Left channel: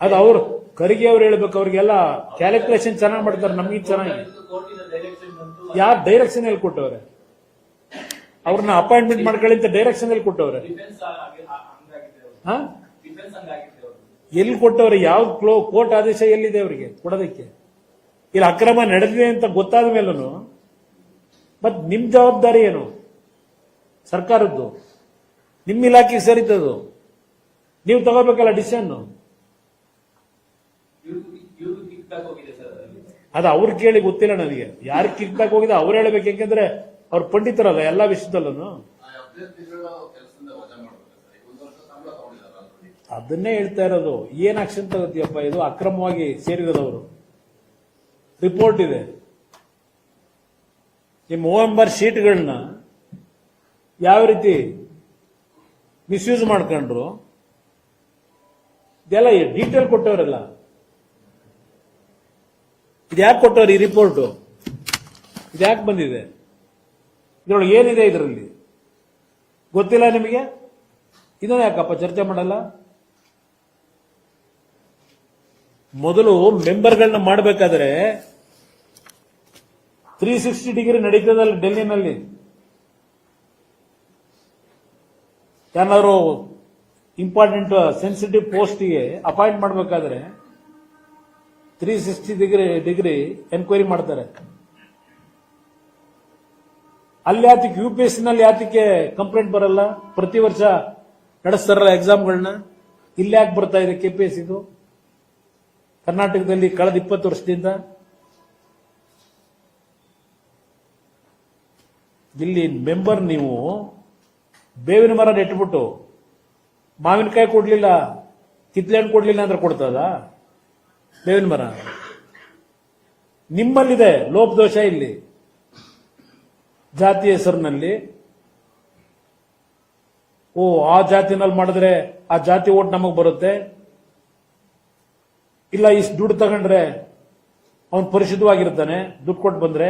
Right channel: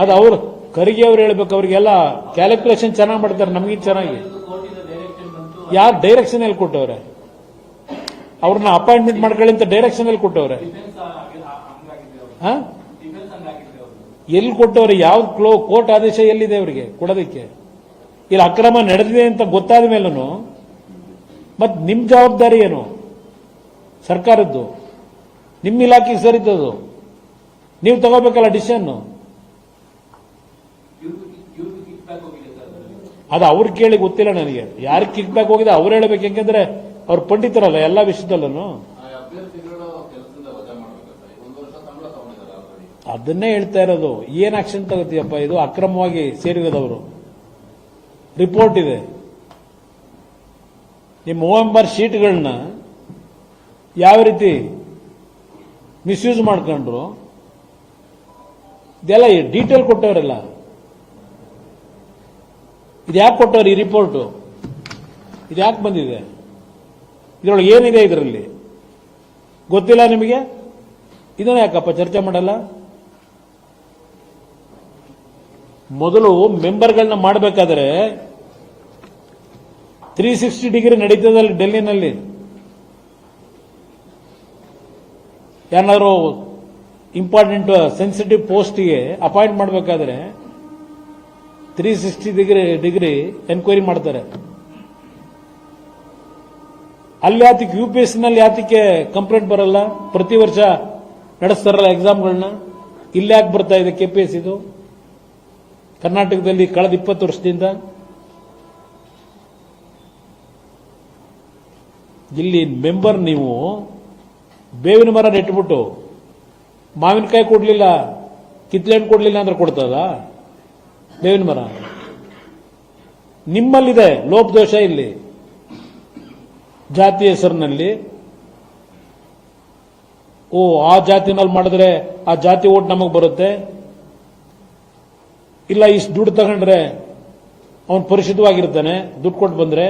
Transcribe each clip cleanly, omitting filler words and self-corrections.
ಅದು ಅವ್ರು ಖರ್ಗೆ ಅವ್ರು ಹೇಳ್ಬೇಕು, ಅವ್ರಿಗೆಲ್ಲ ಕ್ಯಾಲ್ಕುಲೇಷನ್ ಚೆನ್ನಾಗಿ ಮಾಡ್ತಾರೆ, ನಮಗೆ ಚೆನ್ನಾಗಿ. ಯಾರು ಡೈರೆಕ್ಷನ್ ಎಲ್ಲಿ ಕೊಟ್ಟವ್ರೆ? ಅವ್ರನ್ನ ಅಪಾಯಿಂಟ್ಮೆಂಟ್ ಮಾಡ್ಕೊಳ್ಳಿ ಅಂತ ಡೈರೆಕ್ಷನ್ ಎಲ್ಲಿ ಕೊಟ್ಟವ್ರೆ? ಎಲ್ಲಿ ಕೊಟ್ಟವ್ರೆ? ಯಾವ ಕೋರ್ಟ್ ಆದೇಶ ಎಲ್ಲಿದೆ ಅವರಿಗೆ ಕೊಡೋದಕ್ಕೆ? ಇಲ್ಲಿ ಅಕ್ರಮ ನಡೆದಿದೆ ಅಂತ ಗೊತ್ತಾದ ಮೇಲೂ ಮತ್ ನಿಮ್ ಜವಾಬ್ದಾರಿ ಏನು? ಸರ್ಕಾರದ್ದು, ನಿಮ್ ಇಲಾಖೆಗೆ ಸರಿತದು, ನೀವು ತಗೋಬೇಕಲ್ಲ ಡಿಸಿಷನ್. ಅದು ಅವ್ರು ಕೇಳಿ ಗೊತ್ತಿಲ್ಲ ನನಗೆ, ಯಾರು ಕಿಕ್ ಬ್ಯಾಕ್ ಹೋಗಿದೆ ಅವ್ರು ಹೇಳ್ಬೇಕು. ಯಾಕೆಂದ್ರೆ ಅವ್ರು ಪಂಡಿತರಲ್ಲ ಎಲ್ಲ ವಿಷಯದಲ್ಲೂ. ಅದನ್ನೇ ಹೇಳ್ತಾ ಇರೋದು. ಏನ್ ಆಕ್ಷನ್ ತಗೋತೀಯಪ್ಪ? ಇದು ಅಕ್ರಮವಾಗಿ ಸೇರಿರೋದವರು ರಿಪೋರ್ಟ್ ಇದೆ. ನಿಮ್ಮ OMR ಶೀಟ್ಗಳನ್ನ ಯಾವ ರೀತಿ ಮಿಸ್ಯೂಸ್ ಮಾಡ್ಕೊಂಡ್ರು ಇದೆಲ್ಲ ಡೀಟೇಲ್ ಕೊಟ್ಟವರೆಲ್ಲ. ಇದ್ಯಾಕೆ ಕೊಟ್ಟವ್ರು ಈ ರಿಪೋರ್ಟ್? ಇದ್ಯಾಕೆ ಬಂದಿದೆ? ಇದ್ರೊಳಗೆ ಏನಿದೆ ಇದರಲ್ಲಿ ಗೊತ್ತಿಲ್ಲ ನಿಮಗೆ? ಇದನ್ನ ಯಾಕಪ್ಪ ಚರ್ಚೆ ಮಾಡಲ್ಲ? ಮೊದಲು ಮೆಂಬರ್ಗಳನ್ನ ಮಾಡಬೇಕಾದ್ರೆ 360 ಡಿಗ್ರಿ ನಡೀತದಲ್ಲಿ ಡೆಲ್ಲಿನಲ್ಲಿ. ಯಾರು ಇಂಪಾರ್ಟೆಂಟ್ ಸೆನ್ಸಿಟಿವ್ ಪೋಸ್ಟ್ಗೆ ಅಪಾಯಿಂಟ್ ಮಾಡಬೇಕಾದ್ರೆ 360 ಡಿಗ್ರಿ ಎನ್ಕ್ವೈರಿ ಮಾಡ್ತಾರೆ. ಅಲ್ಲಿ ಯಾತಕ್ಕೆ UPSC ನಲ್ಲಿ ಯಾತಕ್ಕೆ ಕಂಪ್ಲೇಂಟ್ ಬರಲ್ಲ? ಪ್ರತಿ ವರ್ಷ ನಡೆಸ್ತಾರಲ್ಲ ಎಕ್ಸಾಮ್ಗಳನ್ನ. ಇಲ್ಲಿ ಯಾಕೆ ಬರ್ತಾ ಇದೆ KPSC? ಇದು ಕರ್ನಾಟಕದಲ್ಲಿ ಕಳೆದ 20 ವರ್ಷದಿಂದ. ಇಲ್ಲಿ ಮೆಂಬರ್ ನೀವು ಬೇವಿನ ಮರ ನೆಟ್ಬಿಟ್ಟು ಮಾವಿನಕಾಯಿ ಕೊಡ್ಲಿಲ್ಲ, ಕಿತ್ಲೆಹಣ್ಣು ಕೊಡ್ಲಿಲ್ಲ ಅಂದ್ರೆ ಕೊಡ್ತದ ಬೇವಿನ ಮರ? ನಿಮ್ಮಲ್ಲಿದೆ ಲೋಪದೋಷ. ಇಲ್ಲಿ ಜಾತಿ ಹೆಸರಿನಲ್ಲಿ ಆ ಜಾತಿನಲ್ಲಿ ಮಾಡಿದ್ರೆ ಆ ಜಾತಿ ಓಟ್ ನಮಗ್ ಬರುತ್ತೆ, ಇಲ್ಲ ಇಷ್ಟು ದುಡ್ಡು ತಗೊಂಡ್ರೆ ಅವನು ಪರಿಶುದ್ಧವಾಗಿರ್ತಾನೆ ದುಡ್ಡು ಕೊಟ್ಟು ಬಂದ್ರೆ.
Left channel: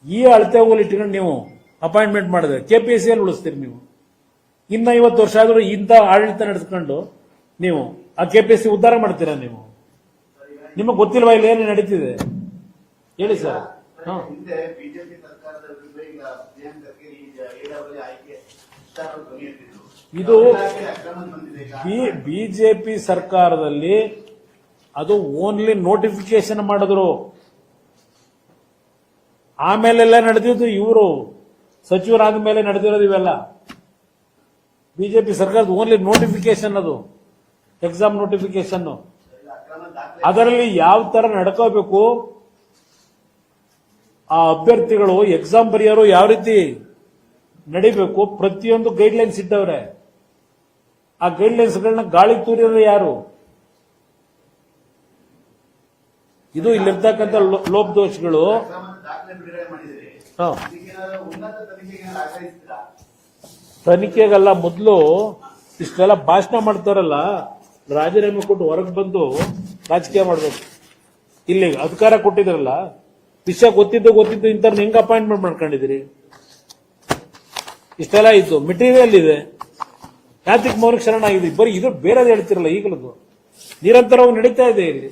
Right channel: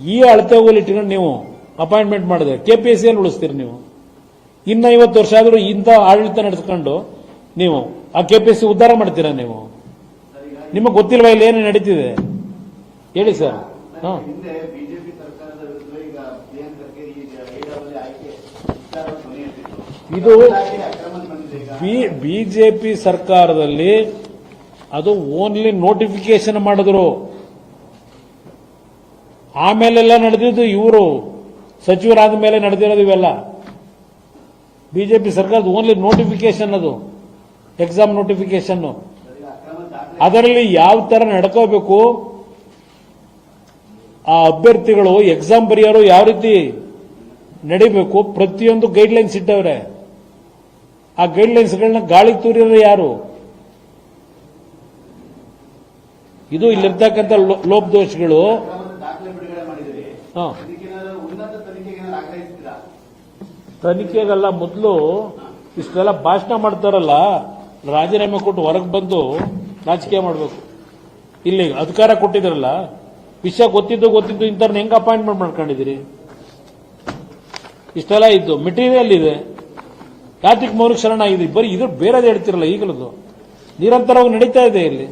ಈ ಅಳತೆ ಹೋಲಿಟ್ಟಿನ ನೀವು ಅಪಾಯಿಂಟ್ಮೆಂಟ್ ಮಾಡಿದ್ರೆ KPSC ಉಳಿಸ್ತೀರಿ ನೀವು. ಇನ್ನ 50 ವರ್ಷ ಆದ್ರೂ ಇಂಥ ಆಡಳಿತ ನಡೆಸ್ಕೊಂಡು ನೀವು ಆ KPSC ಉದ್ಧಾರ ಮಾಡ್ತೀರಾ ನೀವು? ನಿಮಗೆ ಗೊತ್ತಿಲ್ವಾ ಇಲ್ಲಿ ಏನು ನಡೀತಿದೆ? ಹೇಳಿ ಸರ್. ಇದು ಬಿಜೆಪಿ ಸರ್ಕಾರದಲ್ಲಿ ಅದು ಓನ್ಲಿ ನೋಟಿಫಿಕೇಶನ್ ಮಾಡಿದ್ರು. ಆಮೇಲೆಲ್ಲ ನಡೆದಿದ್ದು ಇವರು ಸಚಿವರಾದ ಮೇಲೆ ನಡೆದಿರೋದು ಇವೆಲ್ಲ. ಬಿಜೆಪಿ ಸರ್ಕಾರದ ಓನ್ಲಿ ನೋಟಿಫಿಕೇಶನ್, ಅದು ಎಕ್ಸಾಮ್ ನೋಟಿಫಿಕೇಶನ್. ಅದರಲ್ಲಿ ಯಾವ ತರ ನಡ್ಕೋಬೇಕು, ಆ ಅಭ್ಯರ್ಥಿಗಳು ಎಕ್ಸಾಮ್ ಬರೆಯೋರು ಯಾವ ರೀತಿ ನಡಿಬೇಕು, ಪ್ರತಿಯೊಂದು ಗೈಡ್ಲೈನ್ಸ್ ಇಟ್ಟವ್ರೆ. ಆ ಗೈಡ್ಲೈನ್ಸ್ ಗಳನ್ನ ಗಾಳಿ ತೂರಿರೋ ಯಾರು? ಇದು ಇಲ್ಲಿರ್ತಕ್ಕಂಥ ಲೋಪದೋಷಗಳು. ತನಿಖೆಗಲ್ಲ, ಮೊದಲು ಇಷ್ಟೆಲ್ಲ ಭಾಷಣ ಮಾಡ್ತಾರಲ್ಲ, ರಾಜೀನಾಮೆ ಕೊಟ್ಟು ಹೊರಗೆ ಬಂದು ರಾಜಕೀಯ ಮಾಡಬೇಕು. ಇಲ್ಲಿ ಅಧಿಕಾರ ಕೊಟ್ಟಿದ್ರಲ್ಲ, ವಿಷಯ ಗೊತ್ತಿದ್ದು ಇಂಥವ್ರನ್ನ ಹೆಂಗ್ ಅಪಾಯಿಂಟ್ಮೆಂಟ್ ಮಾಡ್ಕೊಂಡಿದ್ರಿ? ಇಷ್ಟೆಲ್ಲ ಇದ್ದು ಮೆಟೀರಿಯಲ್ ಇದೆ, ಯಾತ್ರಿಕ್ ಮೌಲಿಕ ಶರಣ ಆಗಿದೆ. ಬರೀ ಇದ್ರ ಬೇರೆ ಹೇಳ್ತಿರಲ್ಲ, ಈಗಲೂ ನಿರಂತರವಾಗಿ ನಡೀತಾ ಇದೆ ಇಲ್ಲಿ.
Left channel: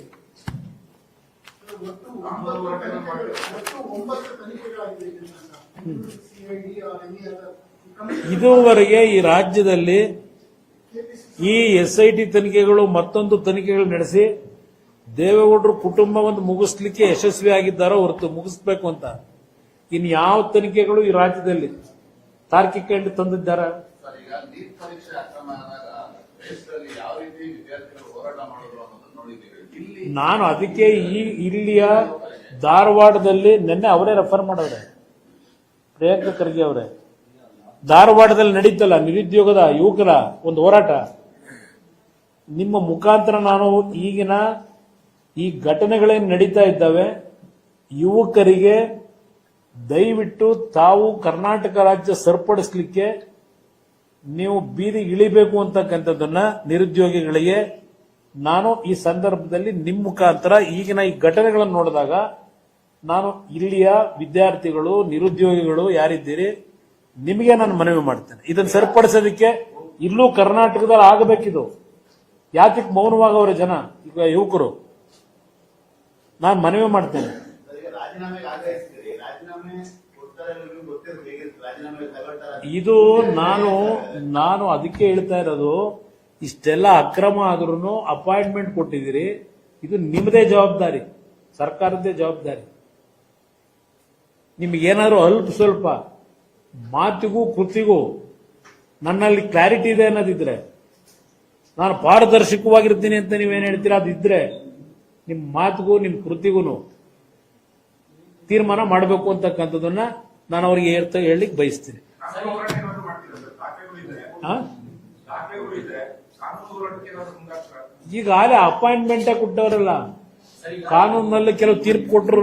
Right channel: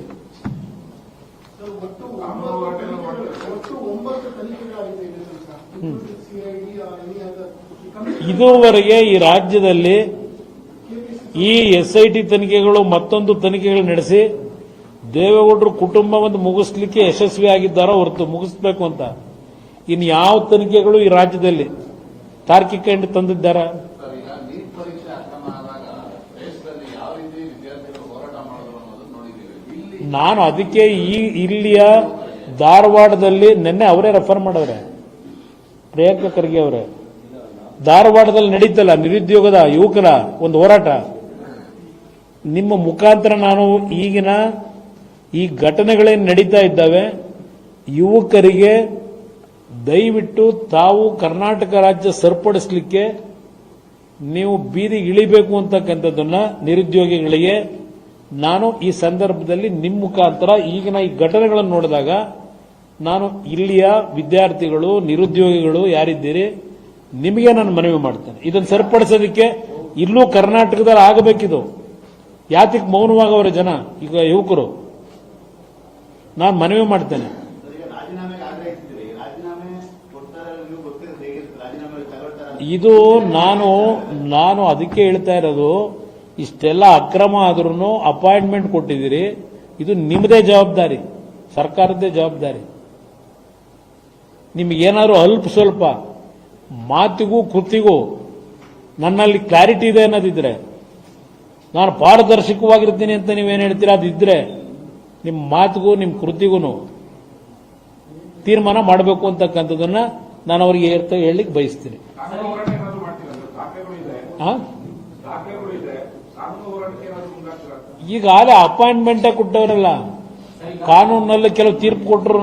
ಇದುವರೆಗೆ ಈ ರಾಜ್ಯದಲ್ಲಿ ಈ SIT ತನಿಖೆಗಳು ಮತ್ತೊಂದು ತನಿಖೆಗಳು ನಡೆಸಿ ದೇವೇಗೌಡರು ಕುಟುಂಬವನ್ನು ಮುಗಿಸ್ಲಿಕ್ಕೆ ಯಶಸ್ವಿ ಆಗಿದ್ದಾರೋ ಹೊರತು ಮುಗಿಸ್ಬೇಕು ಅಂತ ಇನ್ ಯಾವ ತನಿಖೆಗಳು ಈ ರಾಜ್ಯದಲ್ಲಿ ತಾರ್ಕಿಕ ಎಂಟು ತಂದಿದ್ದಾರ? ನಾನು ಅದಕ್ಕೆ ಇಲ್ಲಿಯ ಧಾರವಾಡದಲ್ಲಿ ನಿನ್ನೆ ಅವರೇ ರೆಫರ್ ಮಾಡವ್ರೆ, ಪ್ರಿಯಾಂಕಾ ಖರ್ಗೆ ಅವರೇ. ಧಾರವಾಡದಲ್ಲಿ ನಡೀತಲ್ಲ ನಿರುದ್ಯೋಗದ ಯುವಕರ ಒಂದು ಹೋರಾಟ, ನಿಮ್ಮ ಮುಖಾಂತರ ನಾನು ಈಗಿನ ಈ ಘಟನೆಗಳೇನು ನಡೀತಾ ಇದ್ದಾವೆ, ಯುವಕರಿಗೆ ದಯವಿಟ್ಟು ತಾವು ಕರ್ನಾಟಕ ರಾಜ್ಯ ಸರಿಪಡಿಸಲಿಕ್ಕೆ ನೀವು ಬೀದಿಗೆ ಇಳಿಬೇಕು ಅಂತಕ್ಕಂಥದ್ದನ್ನ ನಿರುದ್ಯೋಗಿಗಳಿಗೆ ನಾನು ಈ ಸಂದರ್ಭದಲ್ಲಿ ನಿಮ್ಮ ಮುಖಾಂತರ ಈಗಿನ ಈ ಘಟನೆಗಳನ್ನು ನೋಡಿದಾಗ ನಾನು ಇಲ್ಲಿಯ ವಿದ್ಯಾರ್ಥಿಗಳು ನಿರುದ್ಯೋಗಿಗಳು ಯಾರಿದ್ದೀರಿ ನಿಮಗೆ ನಾನು ಮನವಿ ಮಾಡ್ತೇನೆ. ಇದನ್ನು ಸರಿಪಡಿಸೋದಕ್ಕೆ ಇಲ್ಲೂ ಕರ್ನಾಟಕದಲ್ಲಿ ಆಗಬೇಕಿದು. ಯಾತಕ್ಕೆ ಮೌನವಾಗವ್ರೆ ಜನ ಈಗ ಯುವಕರು? ನಾನು ಮನವಿ ಮಾಡ್ತೇನೆ, ಇದು ನಾನು ಅದಕ್ಕೆ ಹೇಳ್ತಾ ಇರೋದು, ಇಷ್ಟೆಲ್ಲ ಅಕ್ರಮ ಆದ್ರೂ ಅಪಾಯಿಂಟ್ಮೆಂಟ್ ಕೊಟ್ಟಿದ್ದೀರಿ, ಇದು ನಿಮ್ಮದೇ ಜವಾಬ್ದಾರಿ, ಸರ್ಕಾರದ್ದೇ ಜವಾಬ್ದಾರಿ. ನಿಮಗೇನಾದ್ರು ಅಲ್ಪ ಸ್ವಲ್ಪ ಮಾತಿಗೂ ಕೃತಿಗೂ ನನ್ನಲ್ಲಿ ಕ್ಲಾರಿಟಿ ಇದೆ ಅನ್ನೋದಿದ್ರೆ, ನಾನು ಪಾರದರ್ಶಕವಾಗಿರ್ತೀನಿ ಅಂತ ನೀವೇನು ಹೇಳ್ತೀರಾ ಅದಿದ್ರೆ, ನಿಮ್ಮ ಮಾತಿಗೂ ನಿಮ್ಮ ಕೃತಿಗೂ ತೀರ್ಮಾನ ಮಾಡಬೇಕು ಅಂತಕ್ಕಂಥದ್ದನ್ನ ನಾನು ಅವ್ರಿಗೆ ಹೇಳಲಿಕ್ಕೆ ಬಯಸ್ತೀನಿ. ಈಗಾಗಲೇ ಅಪಾಯಿಂಟ್ಮೆಂಟ್ ಕೊಟ್ಟವರಲ್ಲ, ಕಾನೂನಿನಲ್ಲಿ ಕೆಲವು ತೀರ್ಪು ಕೊಟ್ಟರು.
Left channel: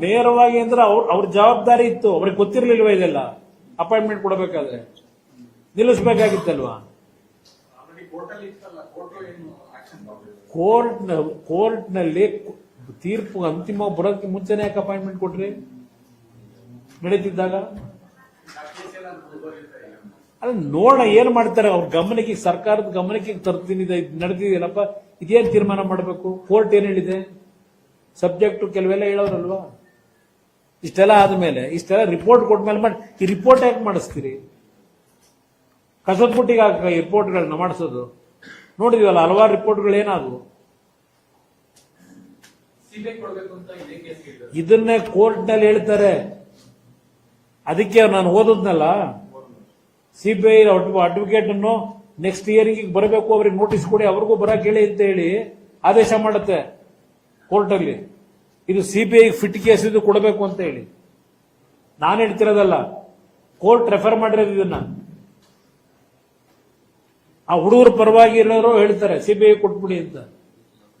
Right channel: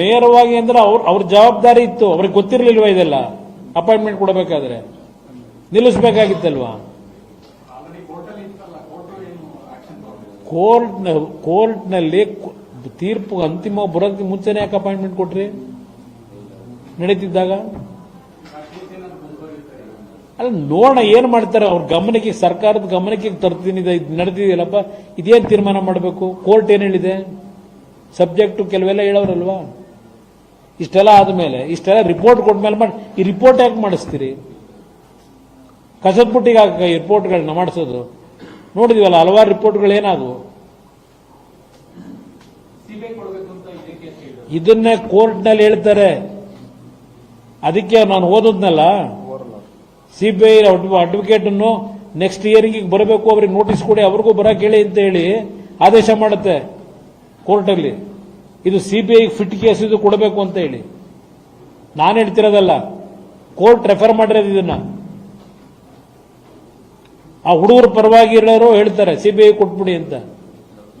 ನೇರವಾಗಿ ಅಂದ್ರೆ ಅವ್ರ ಜವಾಬ್ದಾರಿ ಇತ್ತು, ಅವ್ರಿಗೆ ಗೊತ್ತಿರ್ಲಿಲ್ವಾ ಇದೆಲ್ಲ? ಅಪಾಯಿಂಟ್ಮೆಂಟ್ ಕೊಡಬೇಕಾದ್ರೆ ನಿಲ್ಲಿಸಬೇಕಾಗಿತ್ತಲ್ವಾ? ಕೋರ್ಟ್ನಲ್ಲಿ ತೀರ್ಪು ಅಂತಿಮ ಬರೋದಕ್ಕೆ ಮುಂಚೆನೆ ಯಾಕೆ ಅಪಾಯಿಂಟ್ಮೆಂಟ್ ಕೊಟ್ರಿ? ನಡೀತಿದ್ದಾಗ ಅಲ್ಲ, ನೋಡೋಣ ಏನ್ ಮಾಡ್ತಾರೆ ಅವ್ರ ಗಮನಕ್ಕೆ, ಸರ್ಕಾರದ ಗಮನಕ್ಕೆ ತರ್ತೀನಿ, ನಡೆದಿದೆಯಲ್ಲಪ್ಪ, ಇದೇನ್ ತೀರ್ಮಾನ ಮಾಡಬೇಕು, ಕೋರ್ಟ್ ಏನ್ ಹೇಳಿದೆ, ಸಬ್ಜೆಕ್ಟ್ ಕೆಲವೆಲ್ಲ ಹೇಳೋರಲ್ವಾ? ಇಷ್ಟೆಲ್ಲ ಆದ್ಮೇಲೆ, ಇಷ್ಟೆಲ್ಲ ರಿಪೋರ್ಟ್ ಕೊಟ್ಮೇಲೆ ಮಾಡಿ, ಈ ರಿಪೋರ್ಟ್ ಯಾಕೆ ಮಾಡಿಸ್ತೀರಿ? ಕಸಲ್ಪುಟ್ಟಿಗೆ ಈ ರಿಪೋರ್ಟ್ಗಳನ್ನ ಮಾಡಿಸೋದು ನೋಡಿದಿವಲ್ಲ, ಹಲವಾರು ರಿಪೋರ್ಟ್ಗಳು ಏನಾದವು. ಇದನ್ನೇ ಕೋರ್ಟ್ನಲ್ಲಿ ಹೇಳ್ತಾರೆ. ಅದಕ್ಕೆ ನಾನು ಓದದ್ನಲ್ಲ, ಸಿಬಿಐ ಅಡ್ವೊಕೇಟ್ ಅನ್ನು ನೆಕ್ಸ್ಟ್ ಇಯರಿಂಗ್ ಬರಬೇಕು, ಅವ್ರಿಗೆ ನೋಟಿಸ್ ಕೊಡಿ, ಅವ್ರಿಗೂ ಬರಕ್ ಹೇಳಿ ಅಂತ ಹೇಳಿ ಆದೇಶ ಮಾಡುತ್ತೆ ಕೋರ್ಟಲ್ಲಿ. ಇದು ಸಿಬಿಐ ಫಿಟ್ ಕೇಸ್, ಇದು ಕೊಡಬೇಕು ಅಂತ ಹೇಳಿ ನಾನು ಹೇಳ್ತಿರೋದಲ್ಲ, ಕೋರ್ಟ್ ರೆಫರ್ ಮಾಡಿರೋದು ಇದನ್ನ. ಆ ಹುಡುಗರು ಪರವಾಗಿ ಇರೋರು ಹೇಳ್ತಾರೆ ಸಿಬಿಐ ಕೊಟ್ಬಿಡಿ ಅಂತ.